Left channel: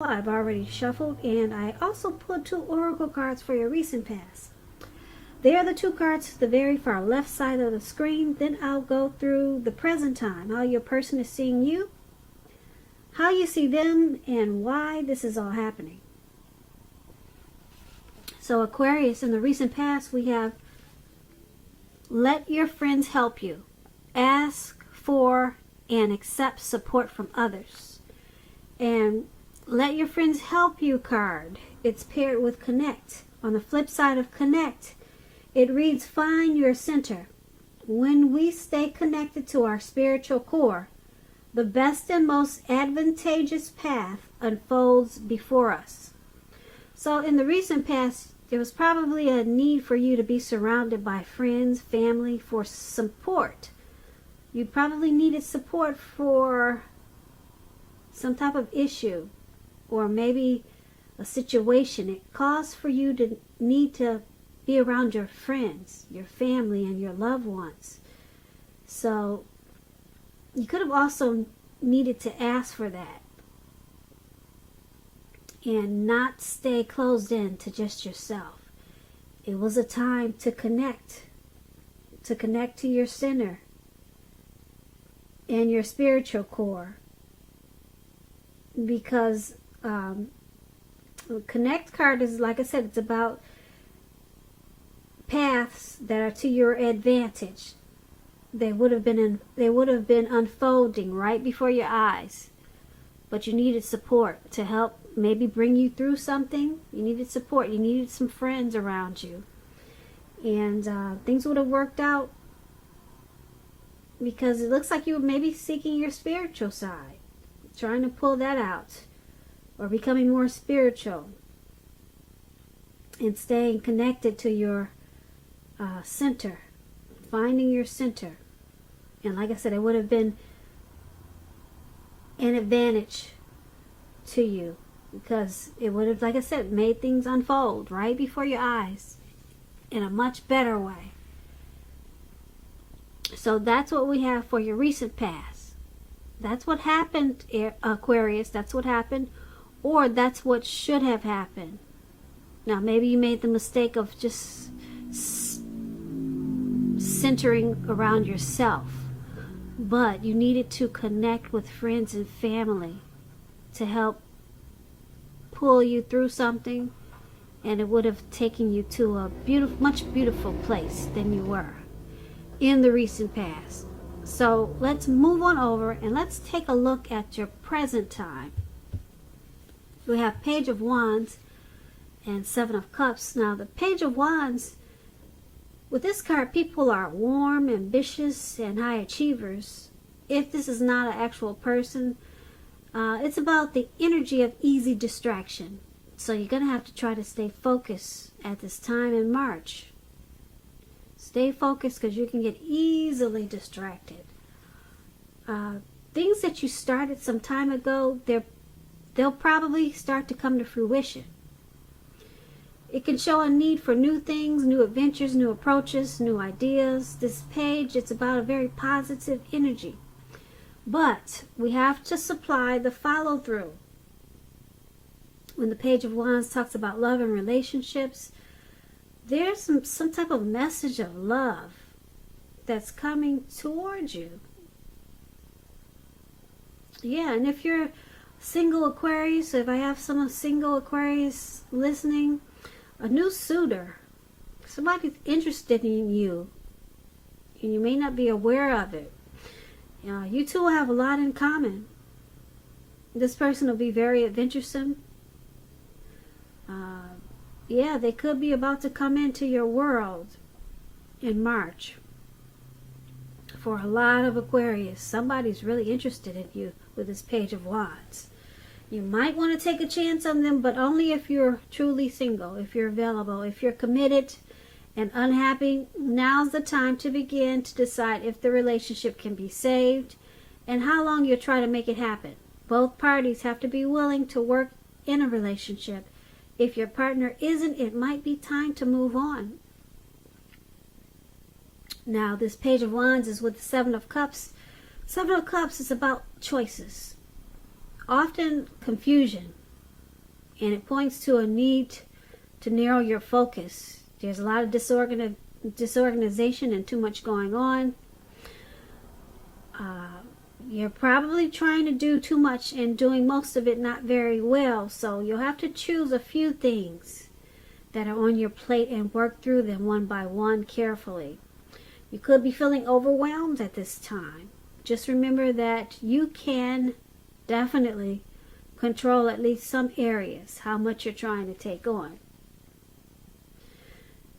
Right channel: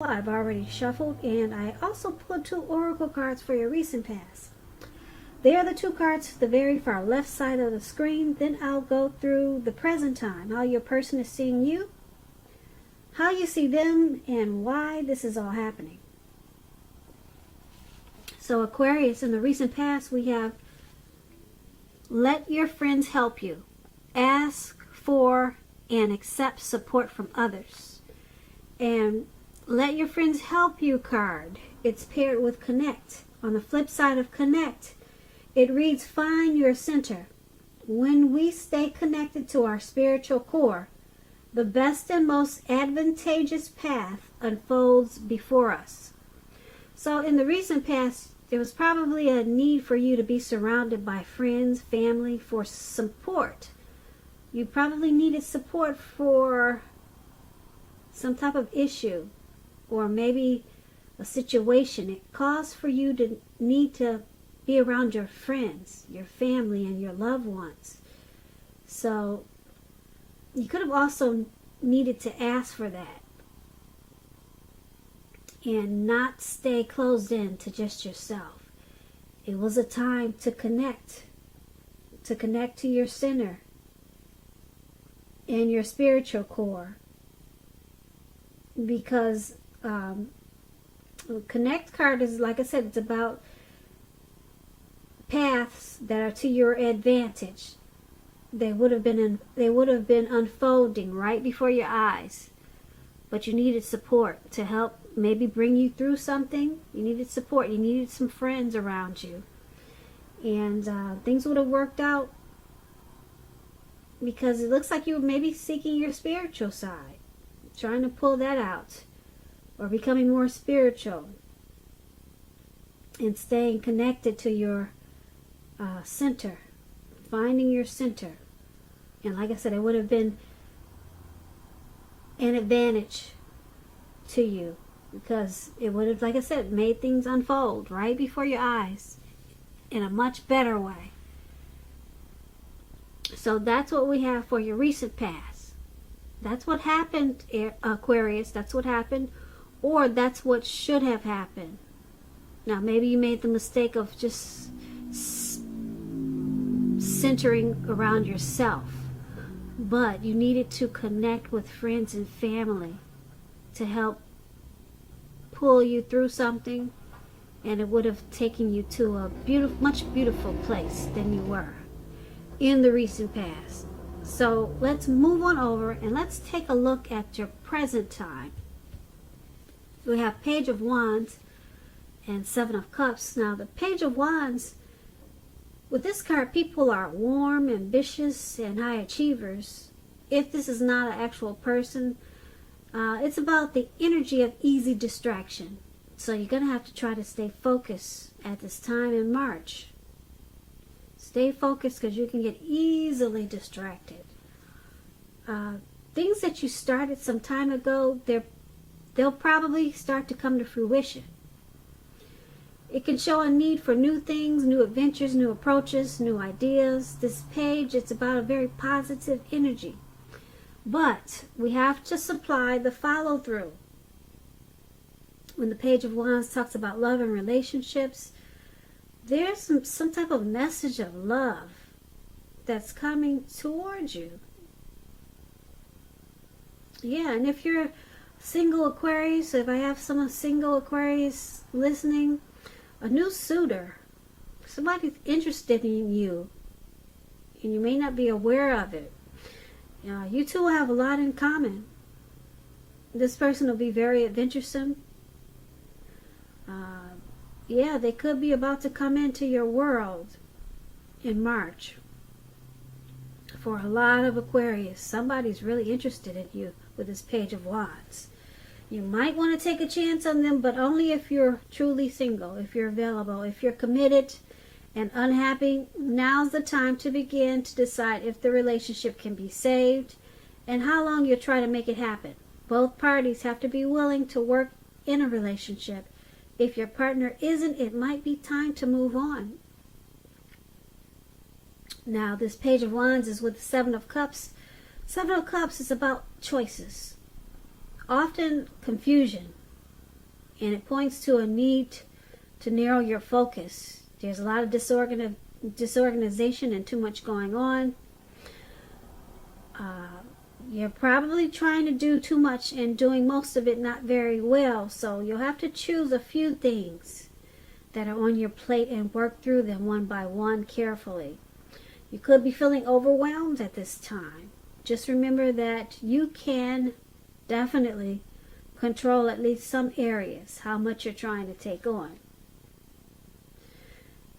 I've already shuffled, and I also pulled 2 oracle cards for your recent past. They are the 2 cards to the very far left side of the screen. Then I'll go through the present time, how your person is seeing you, how you see them, and why this is all happening. So Aquarius, in the recent past, we have let your friends help you. Ask for and accept support from others. And let your friends help you card. It's paired with connect. On the flip side of connect, it reads find your center. When we stay connected to our spiritual core, the best and most advantageous path unfolds before us. So in the recent past, there was probably a need for you to be surrounded by friends, family, for support. You probably needed support for some type of issue, or maybe a situation. It caused for you to need to be around your friends, your family, and your loved ones. So you could have also needed to ask for that and not stay closed in to just yourself. It was a time to connect to your center and your spiritual core, because connect card is, like I said, it's about paths that are to your advantage. They would have been unfolding right before your eyes, but you needed support to help maybe bring you through something. You needed support. You needed some friends around you, and things would have worked out, because it looks like you were maybe seeking your spiritual side, trying to pull that out, or becoming more spiritual and staying connected to your center, finding your center. And like I said, it would have been an advantage to you, because it would have, like I said, made things unfold right before your eyes in a much better way. So that's what we have for your recent past. That's what happened, Aquarius. That's what happened, or that's what should have happened. Now, maybe you made the mistake of just centering around yourself, but you needed to connect with friends and family to help pull you through something, and it would have taken you to a much beautiful place than you were in the recent past. So let's move on over and let's take a look at your present time. We have Page of Wands and 7 of Cups. Now the Page of Wands, with this card, people are warm, ambitious, and high achievers. If this is not an actual person, it's about the energy of easy distraction. So you're going to have to try to stay focused at this time in March. Stay focused, because you can get easily distracted. Things that you started some time ago, they'll probably start to come to fruition. It can show a need for new things, new adventures, new approaches, new ideas. This page, it's about a very positive energy. But we have to supply the follow-through. When the Page of Wands talks about love and relationships, there's some type of message of love that's coming towards you. Yeah, and if you're single Aquarius, so if I have some single Aquarius listening, a new suitor, somebody's interested in you, and you may not be aware of it. You two will have a lot in common. This person will be very adventuresome. Yeah, they could be about to come into your world in March. For a lot of Aquarius, somebody's really interested in you with this Page of Wands. You might want to take a chance on them, but only if you're truly single, if you're available. If you're committed and unhappy, now's the time to begin to decide if the relationship can be saved and how long you'll try to make it happen. Both parties have to be willing to work in a relationship. If your partner isn't, it might be time to move on. Now, this Page of Wands is with the 7 of Cups. 7 of Cups is about choices. Often confusion. And it points to a need to narrow your focus. There's a lot of disorganization and too much going on. You're probably trying to do too much and doing most of it not very well. So you'll have to choose a few things that are on your plate and work through them one by one carefully. You could be feeling overwhelmed at this time. Just remember that you can definitely control at least some areas, how much you're trying to take on.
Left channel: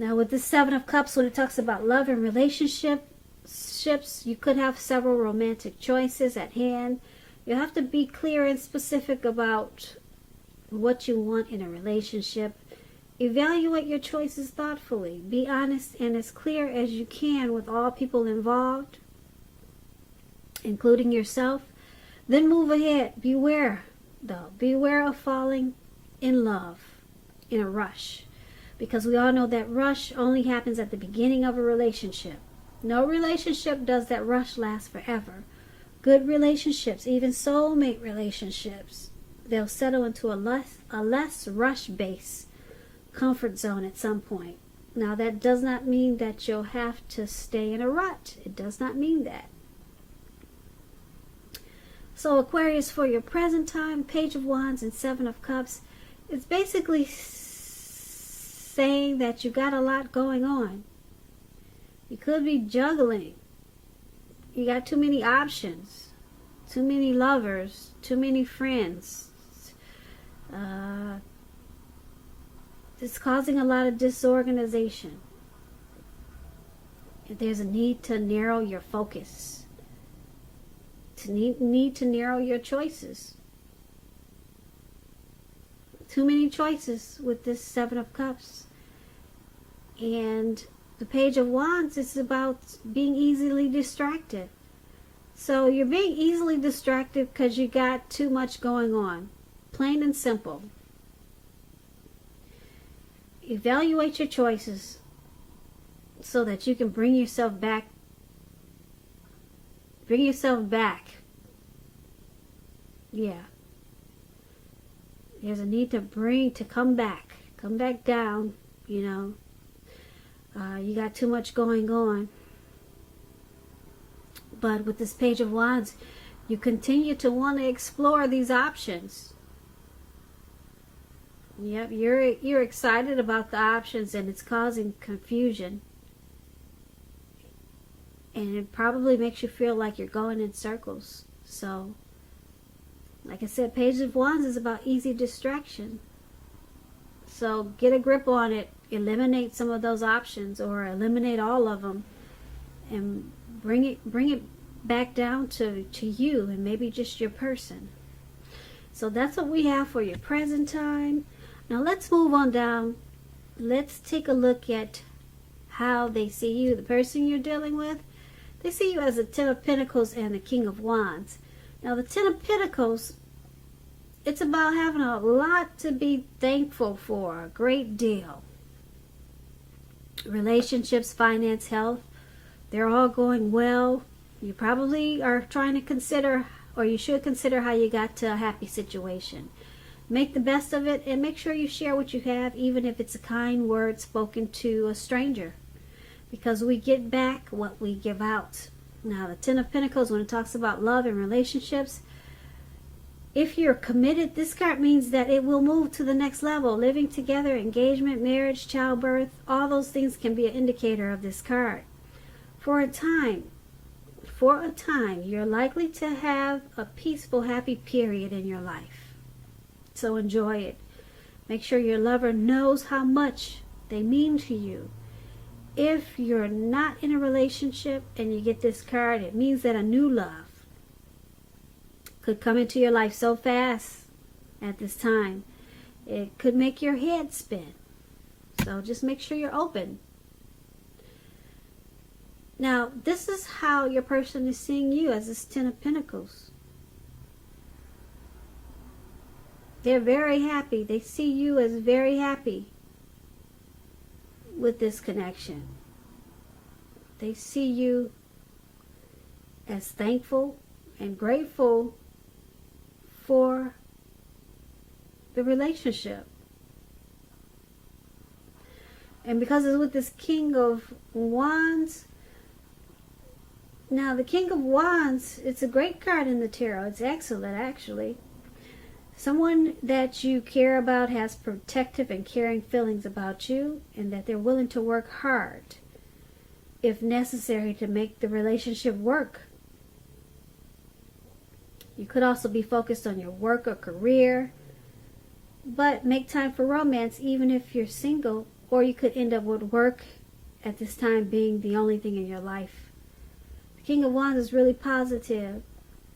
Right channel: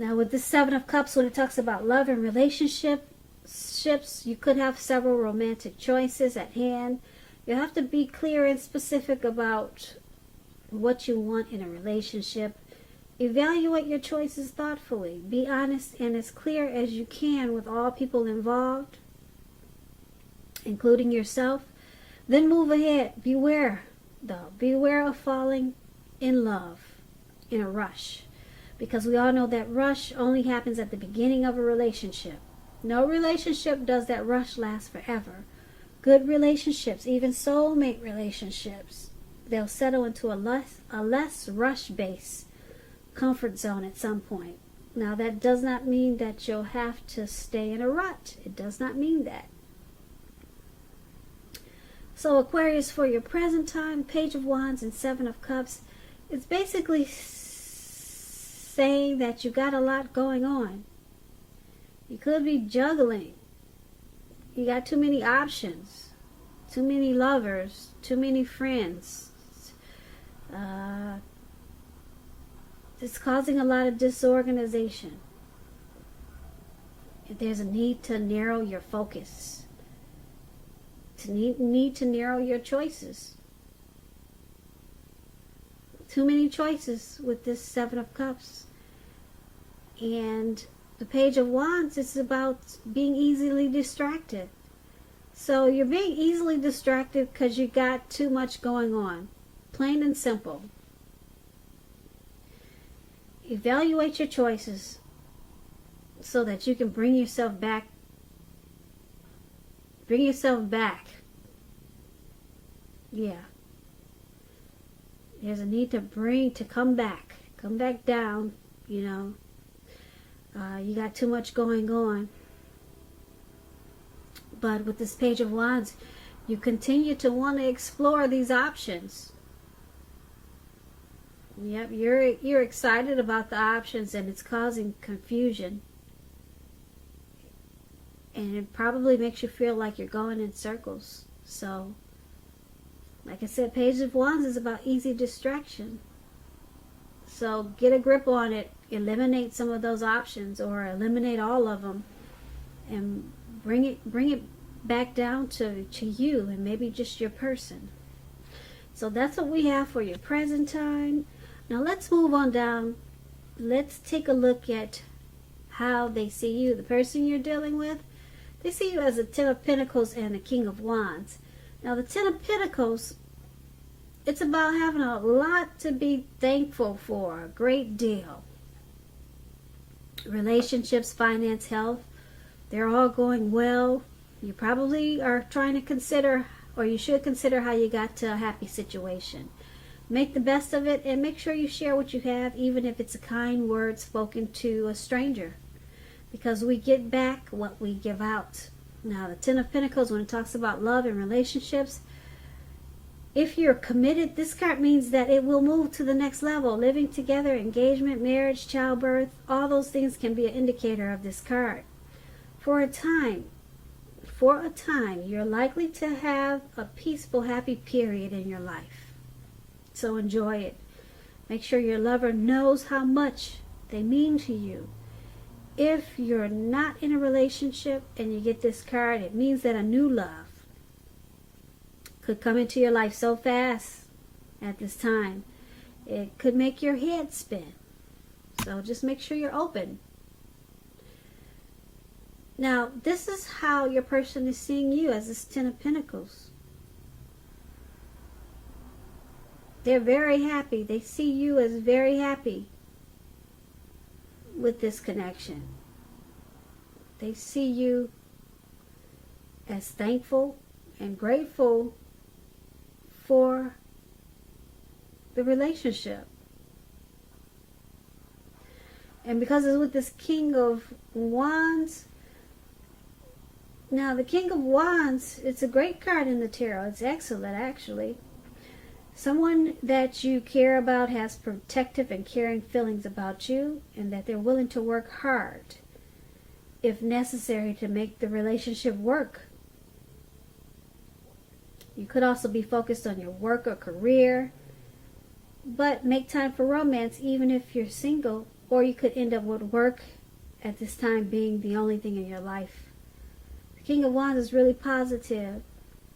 Now with the Seven of Cups, when it talks about love and relationships, you could have several romantic choices at hand. You have to be clear and specific about what you want in a relationship. Evaluate your choices thoughtfully. Be honest and as clear as you can with all people involved, including yourself. Then move ahead. Beware, though. Beware of falling in love in a rush. Because we all know that rush only happens at the beginning of a relationship. No relationship does that rush last forever. Good relationships, even soulmate relationships, they'll settle into a less rush-based comfort zone at some point. Now that does not mean that you'll have to stay in a rut. It does not mean that. So Aquarius, for your present time, Page of Wands and Seven of Cups, it's basically saying that you got a lot going on. You could be juggling. You got too many options, too many lovers, too many friends. It's causing a lot of disorganization. There's a need to narrow your focus, to need to narrow your choices. Too many choices with this Seven of Cups. And the Page of Wands is about being easily distracted. So you're being easily distracted because you got too much going on. Plain and simple. Evaluate your choices so that you can bring yourself back. Bring yourself back. Yeah. There's a need to come back. Come back down, you know. You got too much going on. But with this Page of Wands, you continue to want to explore these options. Yep, you're excited about the options, and it's causing confusion. And it probably makes you feel like you're going in circles. So, like I said, Page of Wands is about easy distraction. So get a grip on it. Eliminate some of those options, or eliminate all of them, and bring it back down to you, and maybe just your person. So that's what we have for your present time. Now let's move on down. Let's take a look at how they see you, the person you're dealing with. They see you as the Ten of Pentacles and the King of Wands. Now the Ten of Pentacles, it's about having a lot to be thankful for, a great deal. Relationships, finance, health, they're all going well. You probably are trying to consider, or you should consider, how you got to a happy situation. Make the best of it, and make sure you share what you have, even if it's a kind word spoken to a stranger. Because we get back what we give out. Now, the Ten of Pentacles, when it talks about love and relationships, if you're committed, this card means that it will move to the next level. Living together, engagement, marriage, childbirth, all those things can be an indicator of this card. For a time, you're likely to have a peaceful, happy period in your life. So enjoy it. Make sure your lover knows how much they mean to you. If you're not in a relationship and you get this card, it means that a new love could come into your life so fast at this time. It could make your head spin. So just make sure you're open. Now, this is how your person is seeing you, as this Ten of Pentacles. They're very happy. They see you as very happy with this connection. They see you as thankful and grateful for the relationship. And because it's with this King of Wands, now the King of Wands, it's a great card in the tarot. It's excellent, actually. Someone that you care about has protective and caring feelings about you, and that they're willing to work hard, if necessary, to make the relationship work. You could also be focused on your work or career, but make time for romance even if you're single, or you could end up with work at this time being the only thing in your life. The King of Wands is really positive.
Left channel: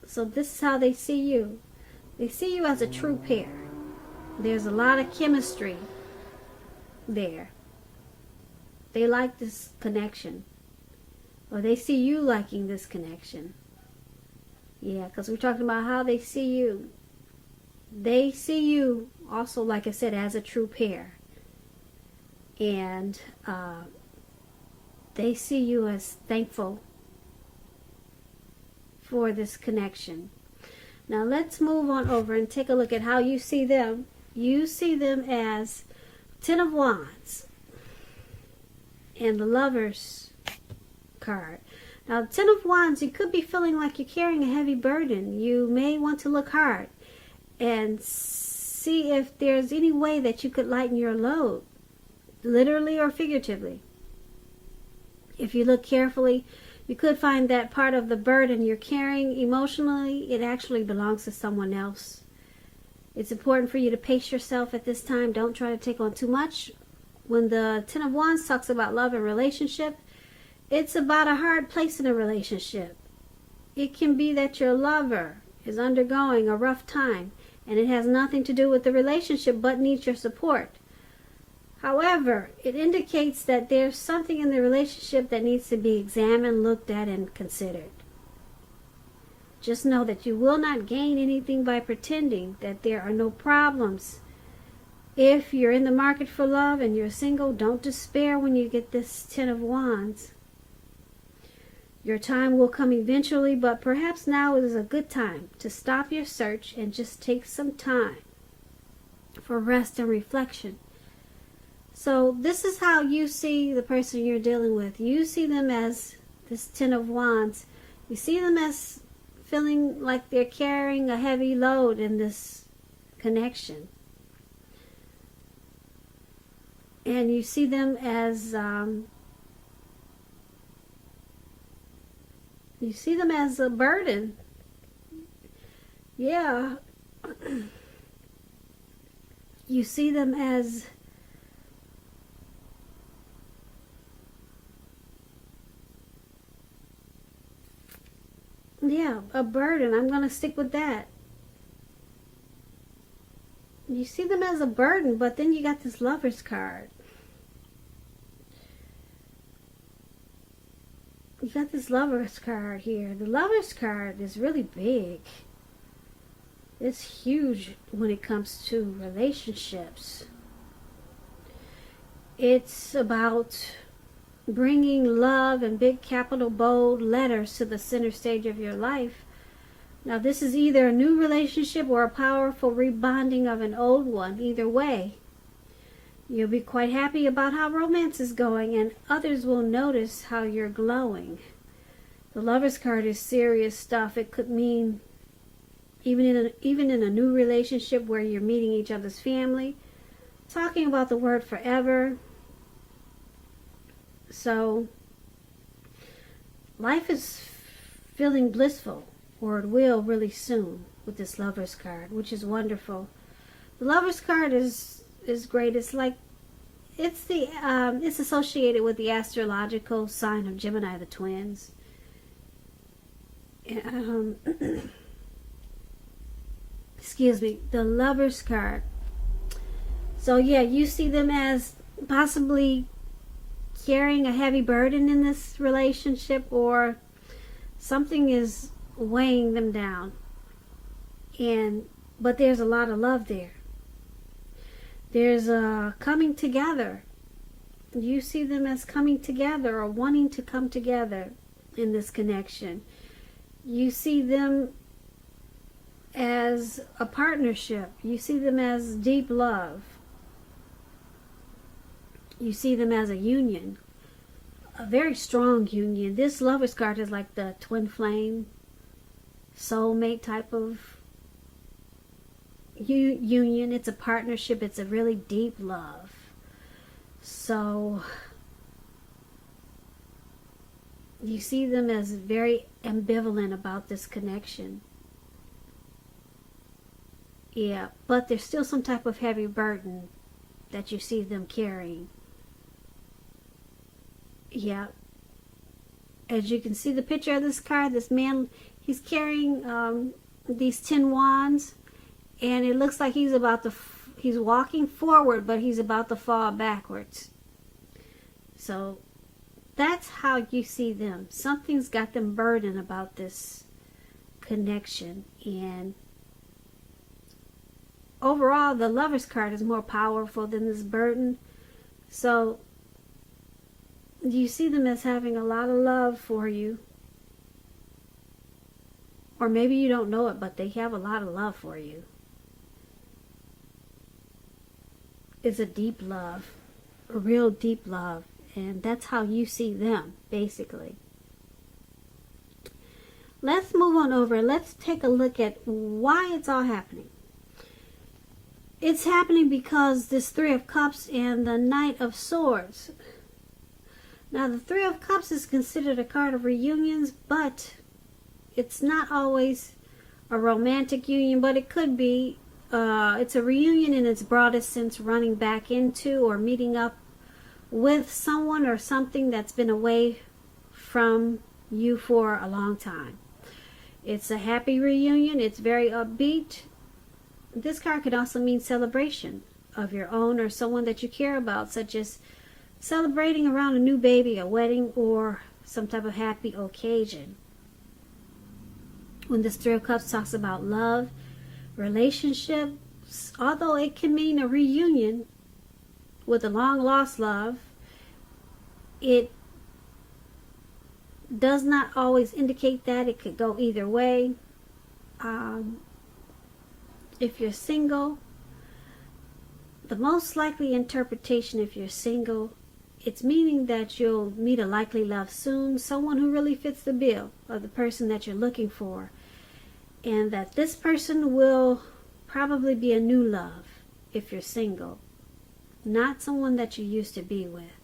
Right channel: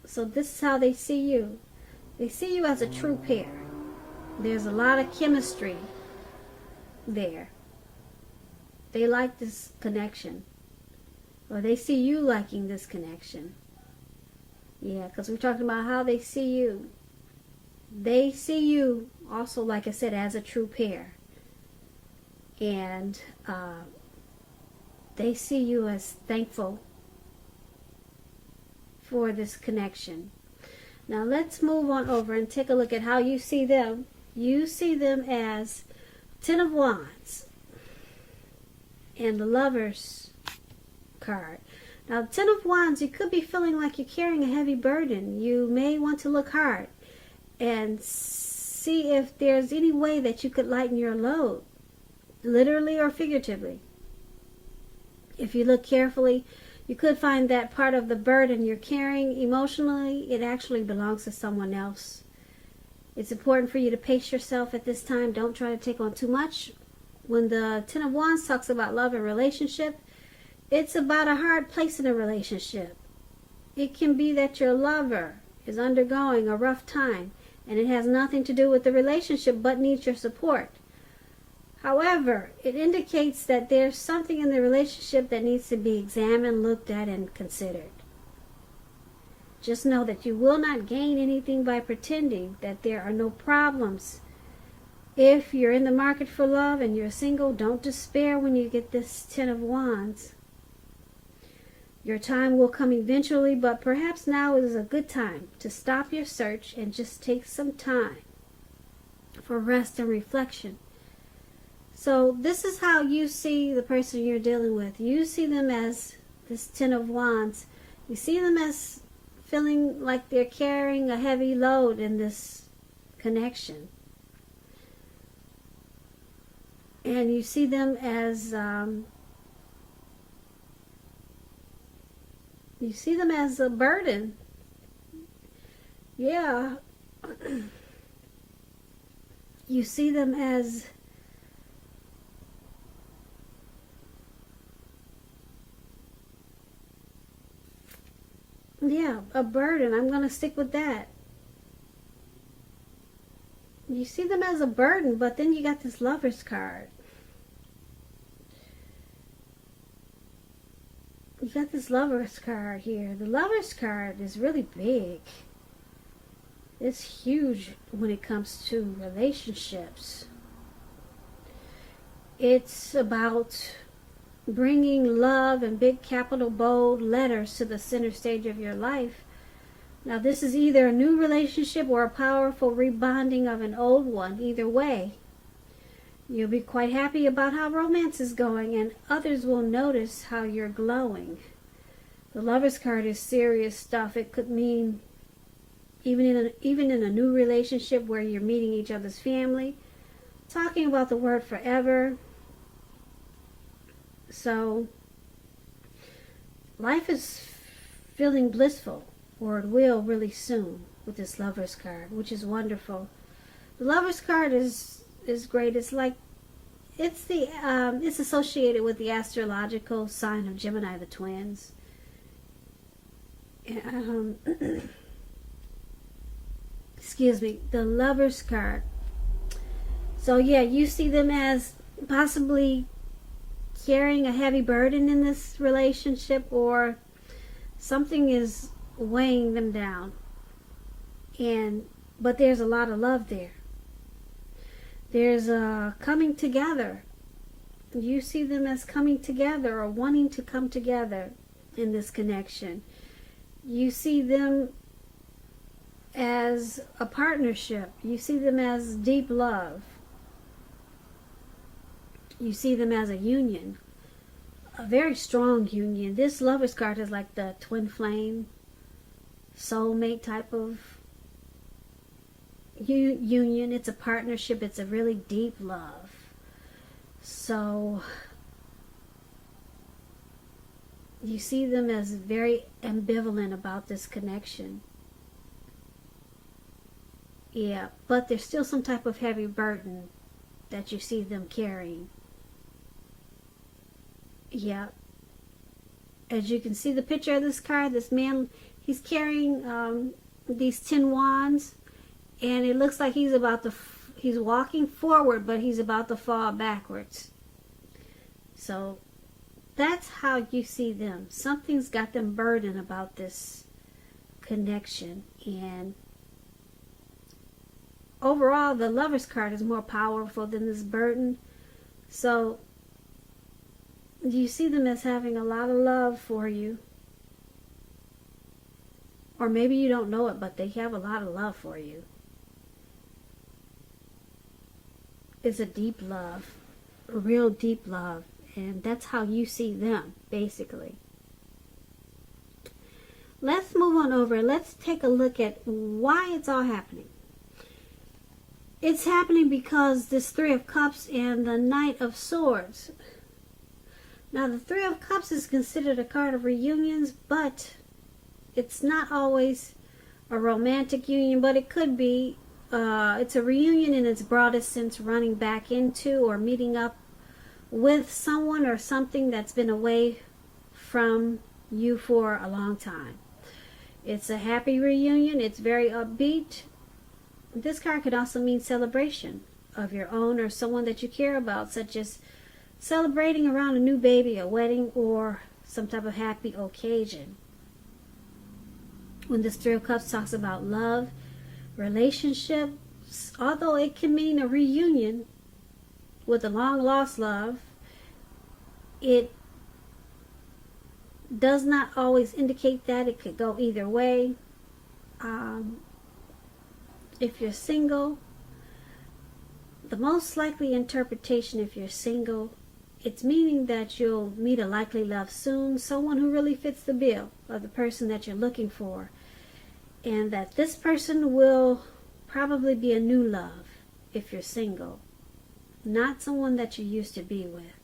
So this is how they see you. They see you as a true pair. There's a lot of chemistry there. They like this connection. Or they see you liking this connection. Yeah, because we're talking about how they see you. They see you also, like I said, as a true pair. And they see you as thankful for this connection. Now let's move on over and take a look at how you see them. You see them as Ten of Wands and the Lovers card. Now, Ten of Wands, you could be feeling like you're carrying a heavy burden. You may want to look hard and see if there's any way that you could lighten your load, literally or figuratively. If you look carefully, you could find that part of the burden you're carrying emotionally, it actually belongs to someone else. It's important for you to pace yourself at this time. Don't try to take on too much. When the Ten of Wands talks about love and relationship, it's about a hard place in a relationship. It can be that your lover is undergoing a rough time, and it has nothing to do with the relationship but needs your support. However, it indicates that there's something in the relationship that needs to be examined, looked at, and considered. Just know that you will not gain anything by pretending that there are no problems. If you're in the market for love and you're single, don't despair when you get this Ten of Wands. Your time will come eventually, but perhaps now is a good time to stop your search and just take some time for rest and reflection. So this is how you see the person you're dealing with. You see them as this Ten of Wands. You see them as feeling like they're carrying a heavy load in this connection. And you see them as a burden. Yeah. You see them as a burden. I'm going to stick with that. You see them as a burden, but then you got this Lovers card. You got this Lovers card here. The Lovers card is really big. It's huge when it comes to relationships. It's about bringing love in big capital bold letters to the center stage of your life. Now this is either a new relationship or a powerful rebonding of an old one. Either way, you'll be quite happy about how romance is going, and others will notice how you're glowing. The Lovers card is serious stuff. It could mean even in a new relationship where you're meeting each other's family, talking about the word forever. So life is feeling blissful, or it will really soon with this Lovers card, which is wonderful. The Lovers card is great. It's like it's associated with the astrological sign of Gemini, the twins. Excuse me, the Lovers card. So yeah, you see them as possibly carrying a heavy burden in this relationship, or something is weighing them down. But there's a lot of love there. There's a coming together. You see them as coming together, or wanting to come together in this connection. You see them as a partnership. You see them as deep love. You see them as a union, a very strong union. This Lover's card is like the twin flame, soulmate type of union. It's a partnership. It's a really deep love. So you see them as very ambivalent about this connection. Yeah, but there's still some type of heavy burden that you see them carrying. Yeah. As you can see the picture of this card, this man, he's carrying these 10 wands, and it looks like he's walking forward, but he's about to fall backwards. So that's how you see them. Something's got them burdened about this connection. And overall, the Lover's card is more powerful than this burden. So you see them as having a lot of love for you. Or maybe you don't know it, but they have a lot of love for you. It's a deep love, a real deep love. And that's how you see them, basically. Let's move on over and let's take a look at why it's all happening. It's happening because this Three of Cups and the Knight of Swords. Now, the Three of Cups is considered a card of reunions, but it's not always a romantic union, but it could be. It's a reunion in its broadest sense, running back into or meeting up with someone or something that's been away from you for a long time. It's a happy reunion. It's very upbeat. This card could also mean celebration of your own or someone that you care about, such as celebrating around a new baby, a wedding, or some type of happy occasion. When this Three of Cups talks about love, relationships, although it can mean a reunion with a long-lost love, it does not always indicate that. It could go either way. If you're single, the most likely interpretation, if you're single, it's meaning that you'll meet a likely love soon, someone who really fits the bill of the person that you're looking for, and that this person will probably be a new love if you're single, not someone that you used to be with.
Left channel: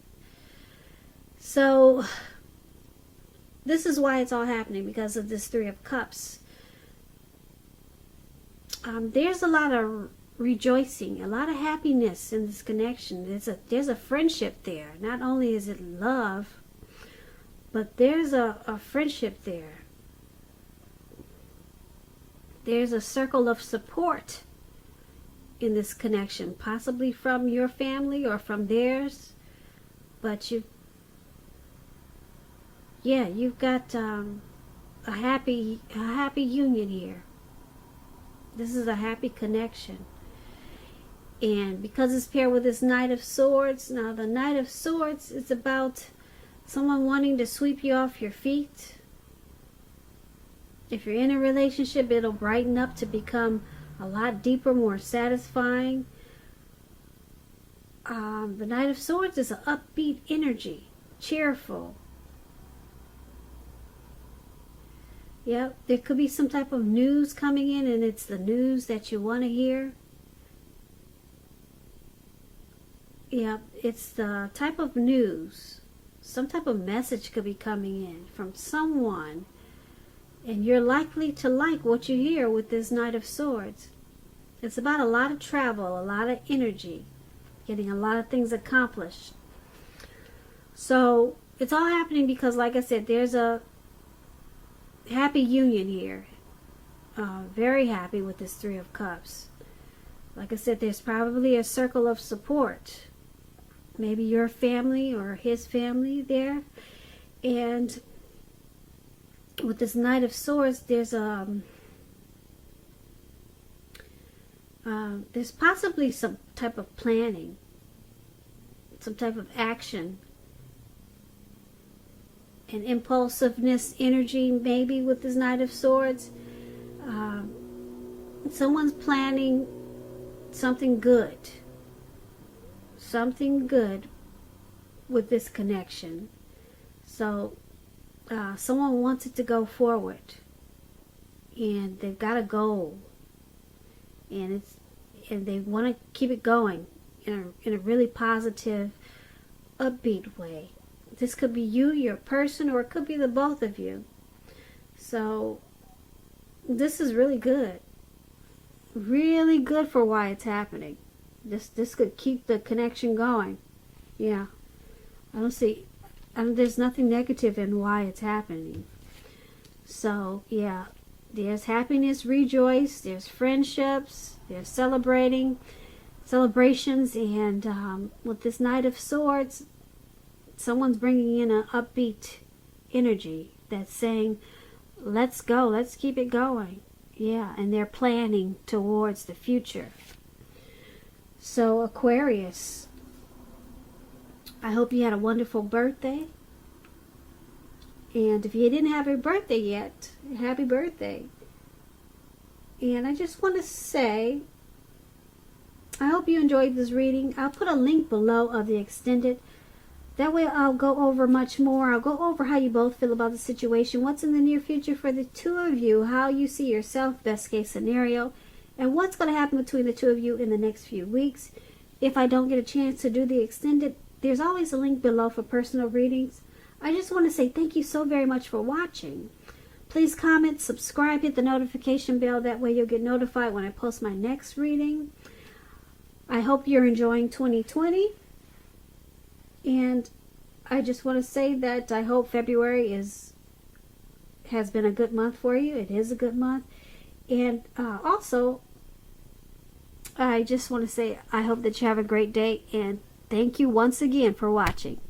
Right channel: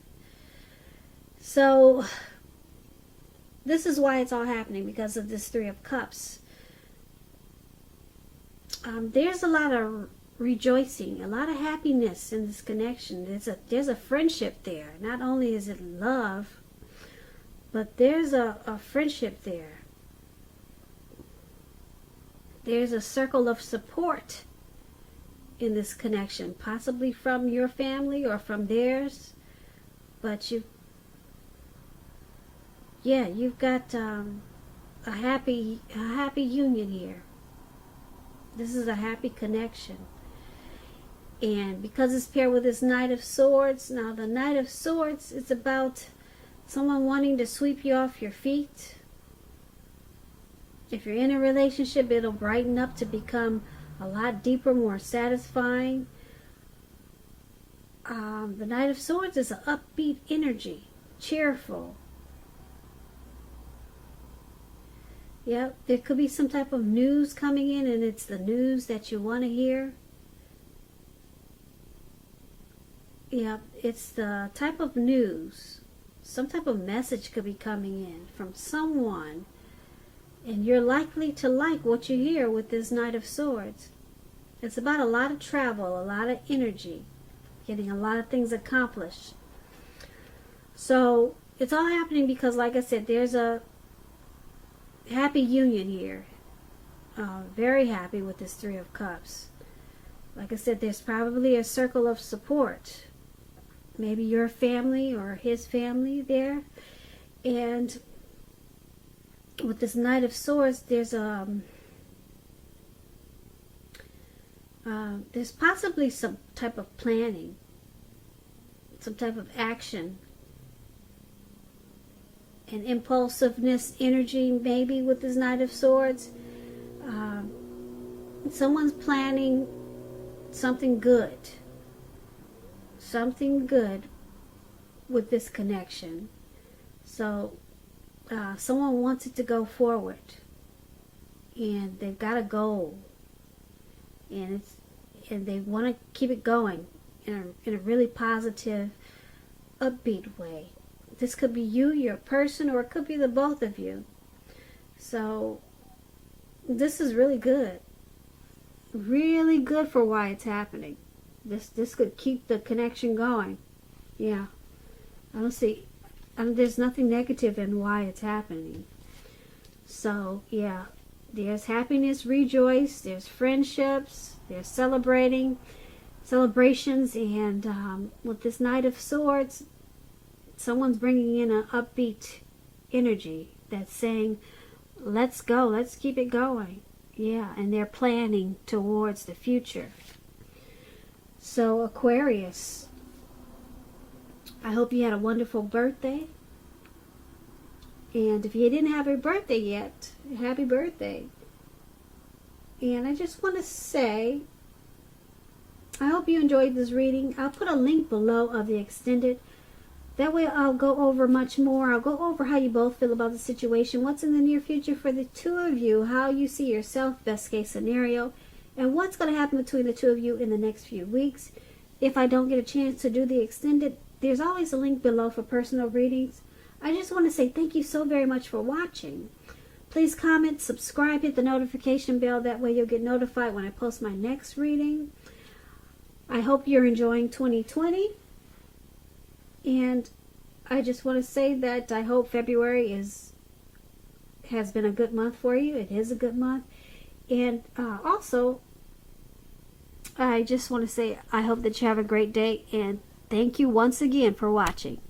So this is why it's all happening, because of this Three of Cups. There's a lot of rejoicing, a lot of happiness in this connection. There's a friendship there. Not only is it love, but there's a friendship there. There's a circle of support in this connection, possibly from your family or from theirs. But you've got a happy union here. This is a happy connection. And because it's paired with this Knight of Swords, now the Knight of Swords is about someone wanting to sweep you off your feet. If you're in a relationship, it'll brighten up to become a lot deeper, more satisfying. The Knight of Swords is an upbeat energy, cheerful. Yep, there could be some type of news coming in, and it's the news that you want to hear. Yep, it's the type of news. Some type of message could be coming in from someone, and you're likely to like what you hear with this Knight of Swords. It's about a lot of travel, a lot of energy, getting a lot of things accomplished. So it's all happening because, like I said, there's a happy union here. Very happy with this Three of Cups. Like I said, there's probably a circle of support. Maybe your family or his family there. And with this Knight of Swords, there's possibly some type of planning, some type of action, and impulsiveness energy maybe with this Knight of Swords. someone's planning something good. Something good with this connection. So someone wants it to go forward, and they've got a goal, and they want to keep it going in a really positive, upbeat way. This could be you, your person, or it could be the both of you. So this is really good. Really good for why it's happening. This could keep the connection going. Yeah. I don't see, there's nothing negative in why it's happening. So, yeah. There's happiness, rejoice, there's friendships, there's celebrations, and with this Knight of Swords, someone's bringing in an upbeat energy that's saying, let's go, let's keep it going. Yeah, and they're planning towards the future. So, Aquarius, I hope you had a wonderful birthday. And if you didn't have a birthday yet, happy birthday. And I just want to say, I hope you enjoyed this reading. I'll put a link below of the extended. That way I'll go over much more. I'll go over how you both feel about the situation, what's in the near future for the two of you, how you see yourself, best case scenario, and what's going to happen between the two of you in the next few weeks. If I don't get a chance to do the extended, there's always a link below for personal readings. I just want to say thank you so very much for watching. Please comment, subscribe, hit the notification bell. That way you'll get notified when I post my next reading. I hope you're enjoying 2020. And I just want to say that I hope February has been a good month for you. It is a good month. And also, I just want to say I hope that you have a great day. And thank you once again for watching.